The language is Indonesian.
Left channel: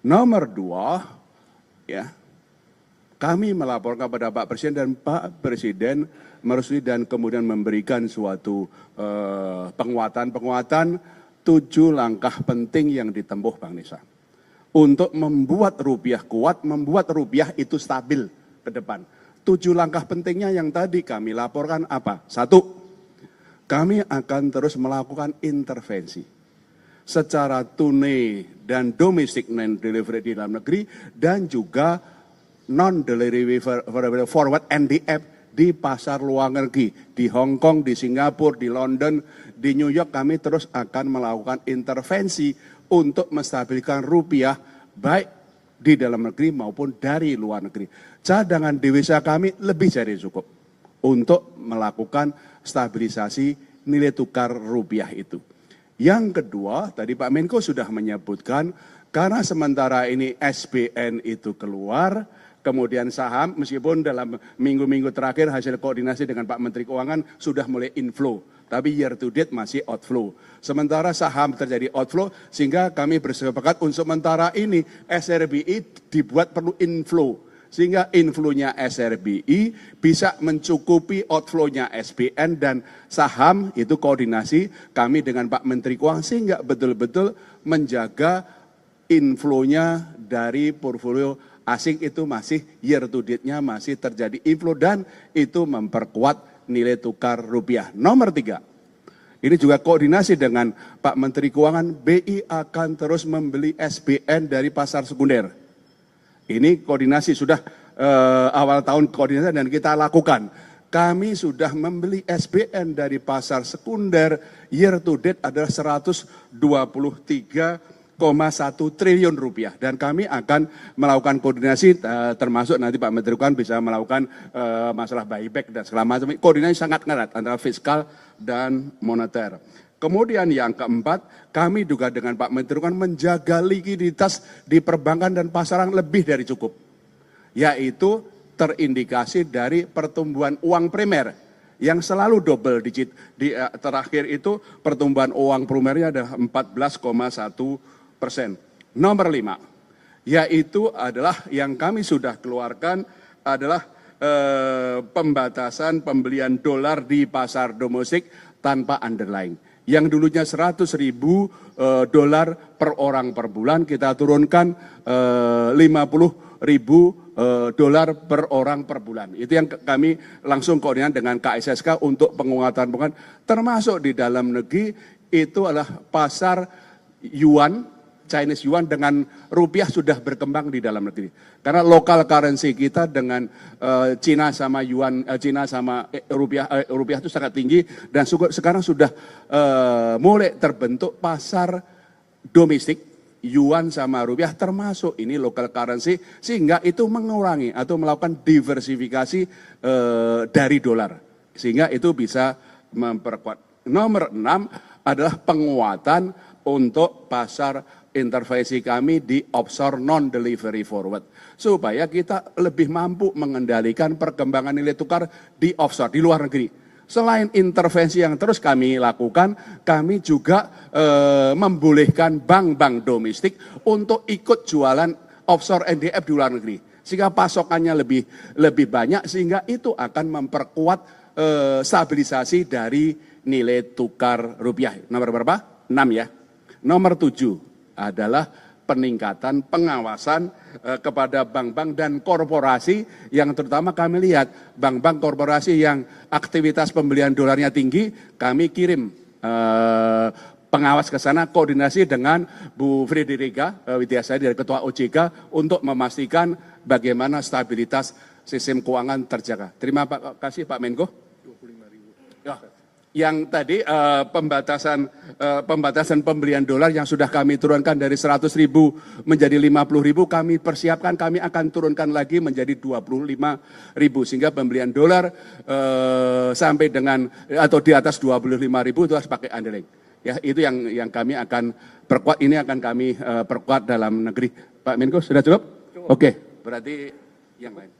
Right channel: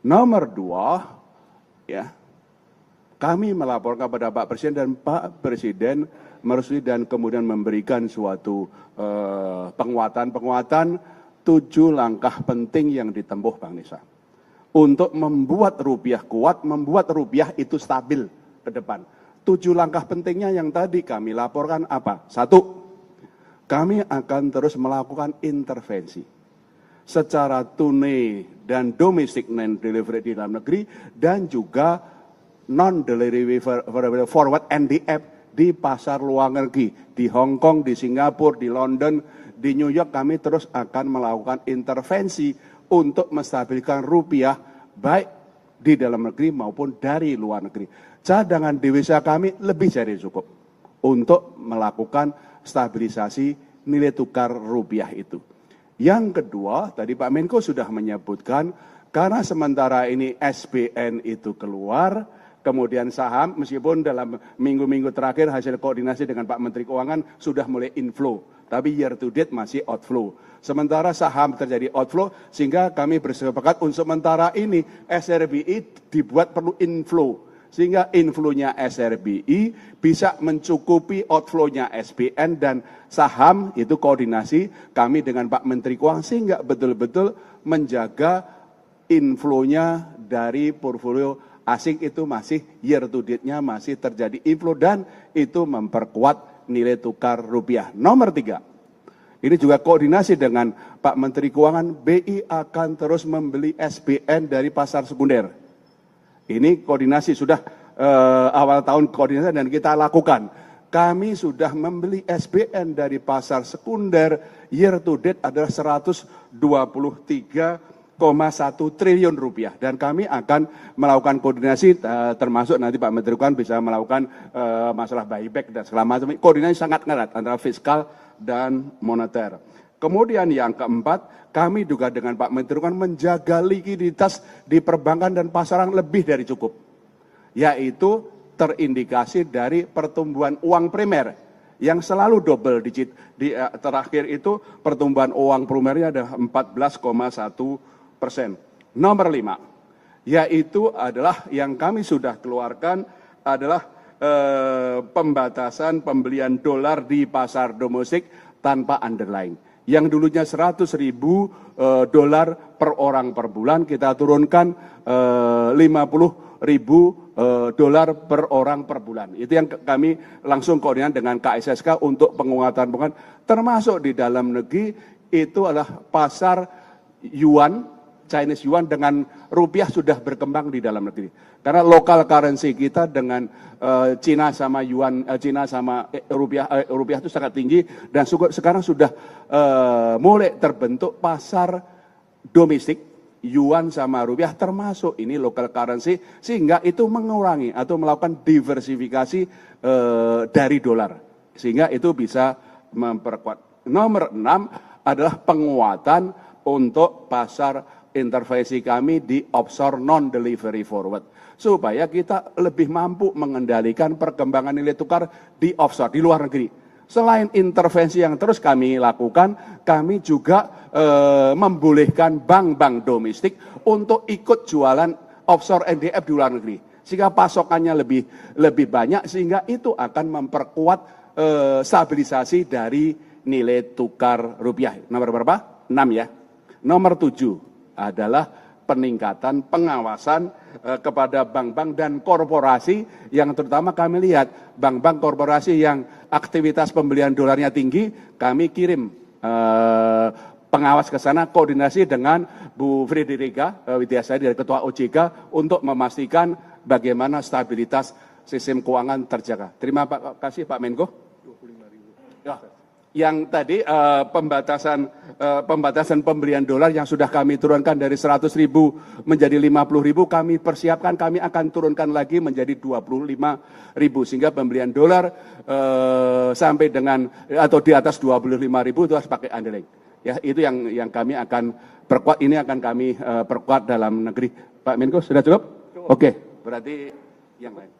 Nomor dua, ya, kami melaporkan kepada Pak Presiden dan Pak Presiden merestui dan kemudian memberikan suatu penguatan 7 langkah penting yang ditempuh Bang Nisa. Untuk membuat rupiah kuat, membuat rupiah itu stabil ke depan. 7 langkah pentingnya yang tadi kami laporkan apa? 1, kami akan terus melakukan intervensi secara tunai dan domestic non-delivery di dalam negeri dan juga non-delivery forward NDF di pasar luar negeri, di Hong Kong, di Singapura, di London, di New York. Kami terus akan melakukan intervensi untuk menstabilkan rupiah baik di dalam negeri maupun dari luar negeri. Cadangan devisa kami lebih dari cukup untuk melakukan stabilisasi nilai tukar rupiah itu. Yang kedua, tadi Pak Menko sudah menyebutkan, karena sementara ini SBN itu keluar, kemudian saham, meskipun dalam minggu-minggu terakhir hasil koordinasi dengan Pak Menteri Keuangan sudah mulai inflow, tapi year to date masih outflow. Sementara saham terjadi outflow, sehingga kami bersepakat untuk sementara ini SRBI dibuat perlu inflow. Sehingga inflow-nya SRBI bisa mencukupi outflow-nya SBN dan saham itu koordinasi kami dengan Pak Menteri Keuangan sehingga betul-betul menjaga inflow-nya dari portfolio asing itu masih year to date-nya masih terjadi inflow dan itu memperkuat nilai tukar rupiah. Nomor 3, ini juga koordinasi dengan Pak Menteri Keuangan, BI akan terus membeli SBN dari pasar sekunder. Ini koordinasi sudah awal tahun koordinasi dan kita lakukan. Kami sudah membeli SBN dari pasar sekunder year to date adalah 123,1 triliun rupiah. Dan kami akan melakukan koordinasi termasuk nanti Pak Menteri Keuangan bisa melakukan masalah buyback dan segala macam. Koordinasi sangat erat antara fiskal dan moneter. Kemudian yang keempat, kami juga dengan Pak Menteri Keuangan menjaga likuiditas di perbankan dan pasaran lebih dari cukup. Yaitu terindikasi dari pertumbuhan uang primer yang selalu double digit. Di terakhir itu pertumbuhan uang primernya adalah 14,1%. Nomor 5, yaitu adalah yang kami sudah keluarkan adalah pembatasan pembelian dolar di pasar domestik tanpa underlying. Yang dulunya 100.000 dolar per orang per bulan, kita turunkan 50.000 dolar per orang per bulan. Itu yang kami langsung koordinasi dengan KSSK untuk penguatan, termasuk di dalam negeri itu adalah pasar yuan, Chinese yuan dengan rupiah sudah berkembang di dalam negeri. Karena lokal currency kita dengan Cina sama yuan, Cina sama rupiah itu sangat tinggi dan sekarang sudah mulai terbentuk pasar domestik yuan sama rupiah termasuk ini local currency sehingga itu mengurangi atau melakukan diversifikasi dari dolar sehingga itu bisa memperkuat. Nomor 6 adalah penguatan untuk pasar intervensi kami di offshore non-delivery forward. Supaya kita lebih mampu mengendalikan perkembangan nilai tukar di offshore, di luar negeri. Selain intervensi yang terus kami lakukan, kami juga membolehkan bank-bank domestik untuk ikut jualan offshore NDF di luar negeri. Sehingga pasokannya lebih banyak, sehingga itu akan memperkuat stabilisasi dari nilai tukar rupiah. Nomor berapa? 6 ya. Nomor 7 adalah peningkatan pengawasan kepada bank-bank dan korporasi yang terutama kami lihat bank-bank korporasi yang aktivitas pembelian dolarnya tinggi, kami kirim pengawas ke sana koordinasi dengan Bu Frederica Widiasari dari Ketua OJK untuk memastikan bagaimana stabilitas sistem keuangan terjaga. Terima kasih Pak Menko. 25.000. Yang tadi pembatasan pembelian dolar yang sudah kami turunkan dari 100.000 menjadi 50.000 kami persiapkan, kami akan turunkan lagi menjadi 25.000 sehingga pembelian dolar sampai dengan atau di atas 25.000 itu harus pakai underlying. Ya, itu yang kami akan perkuat, ini akan kami perkuat dalam negeri. Pak Menko sudah cukup? Oke, berarti yang lain.